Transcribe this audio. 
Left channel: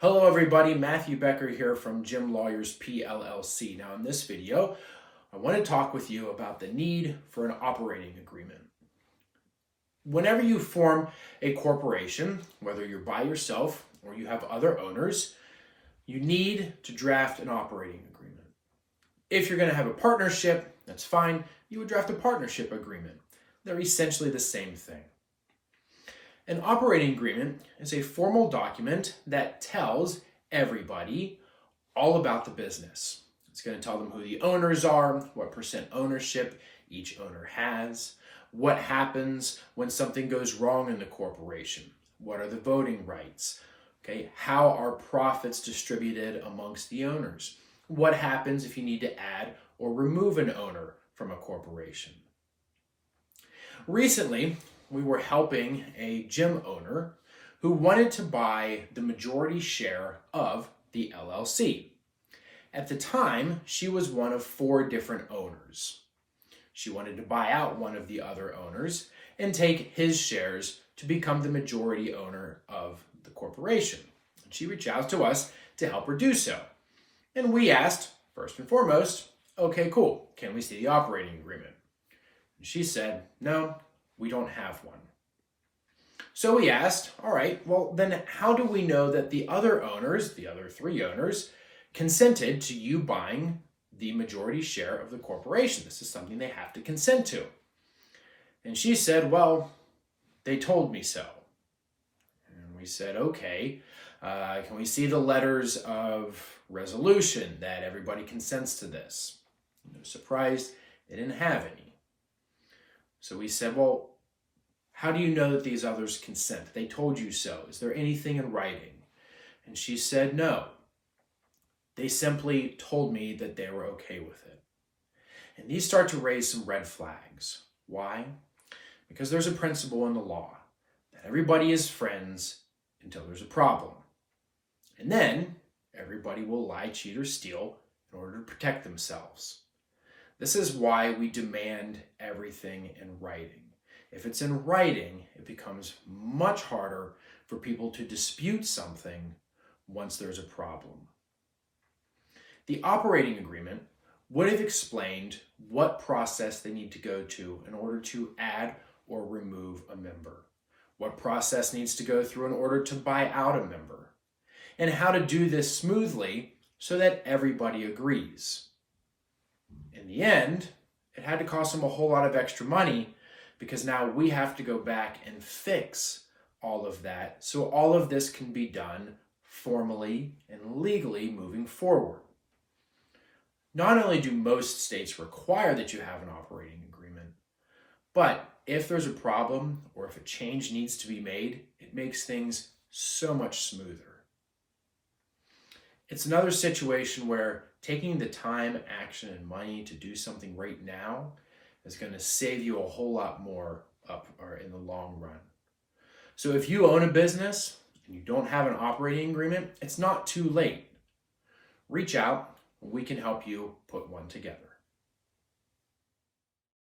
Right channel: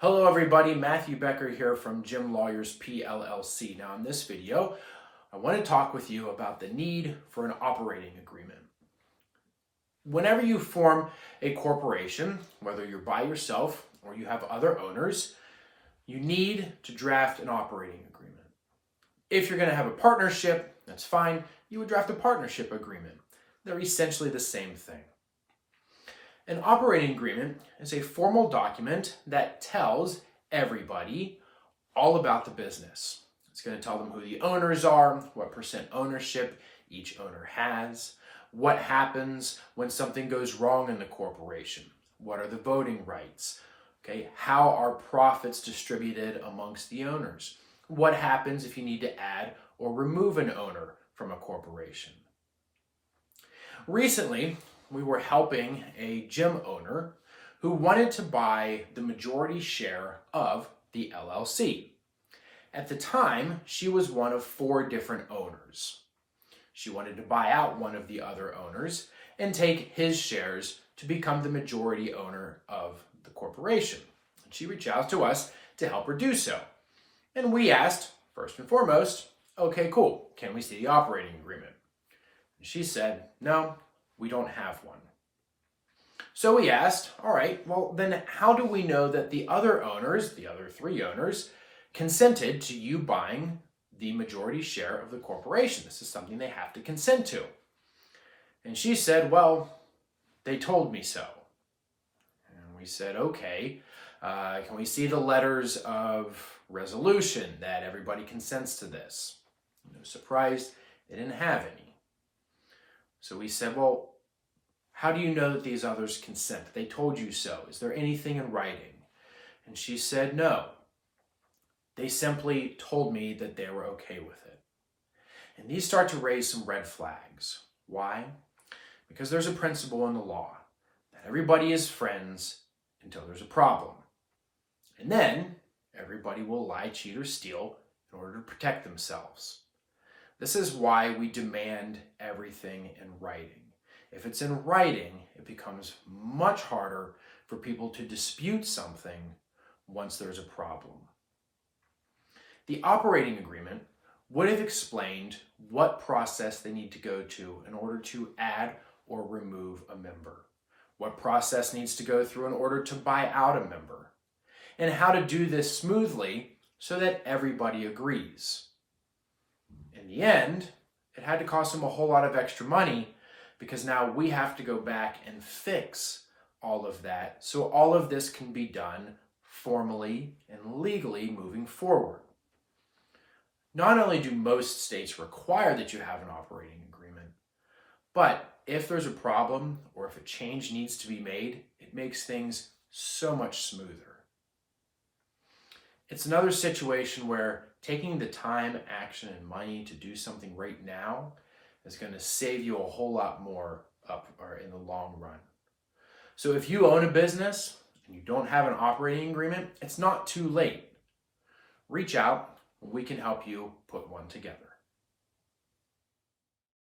Hello everybody, Matthew Becker here from Jim Lawyers PLLC. Now in this video, I want to talk with you about the need for an operating agreement. Whenever you form a corporation, whether you're by yourself or you have other owners, you need to draft an operating agreement. If you're going to have a partnership, that's fine, you would draft a partnership agreement. They're essentially the same thing. An operating agreement is a formal document that tells everybody all about the business. It's going to tell them who the owners are, what percent ownership each owner has, what happens when something goes wrong in the corporation, what are the voting rights, okay, how are profits distributed amongst the owners, what happens if you need to add or remove an owner from a corporation. Recently, we were helping a gym owner who wanted to buy the majority share of the LLC. At the time, she was one of 4 different owners. She wanted to buy out one of the other owners and take his shares to become the majority owner of the corporation. And she reached out to us to help her do so. And we asked, first and foremost, okay, cool, can we see the operating agreement? And she said, no, we don't have one. So we asked, all right, well then how do we know that the other owners, the other 3 owners, consented to you buying the majority share of the corporation? This is something they have to consent to. And she said, well, they told me so. And we said, okay, can we see the letters of resolution that everybody consents to this? No surprise, they didn't have any. So we said, well, how do you know that these others consent? They told you so. Is there anything in writing? And she said, no. They simply told me that they were okay with it. And these start to raise some red flags. Why? Because there's a principle in the law that everybody is friends until there's a problem. And then everybody will lie, cheat, or steal in order to protect themselves. This is why we demand everything in writing. If it's in writing, it becomes much harder for people to dispute something once there's a problem. The operating agreement would have explained what process they need to go to in order to add or remove a member, what process needs to go through in order to buy out a member, and how to do this smoothly so that everybody agrees. In the end, it had to cost them a whole lot of extra money because now we have to go back and fix all of that so all of this can be done formally and legally moving forward. Not only do most states require that you have an operating agreement, but if there's a problem or if a change needs to be made, it makes things so much smoother. It's another situation where taking the time, action, and money to do something right now is going to save you a whole lot more up or in the long run. So if you own a business and you don't have an operating agreement, it's not too late. Reach out and we can help you put one together.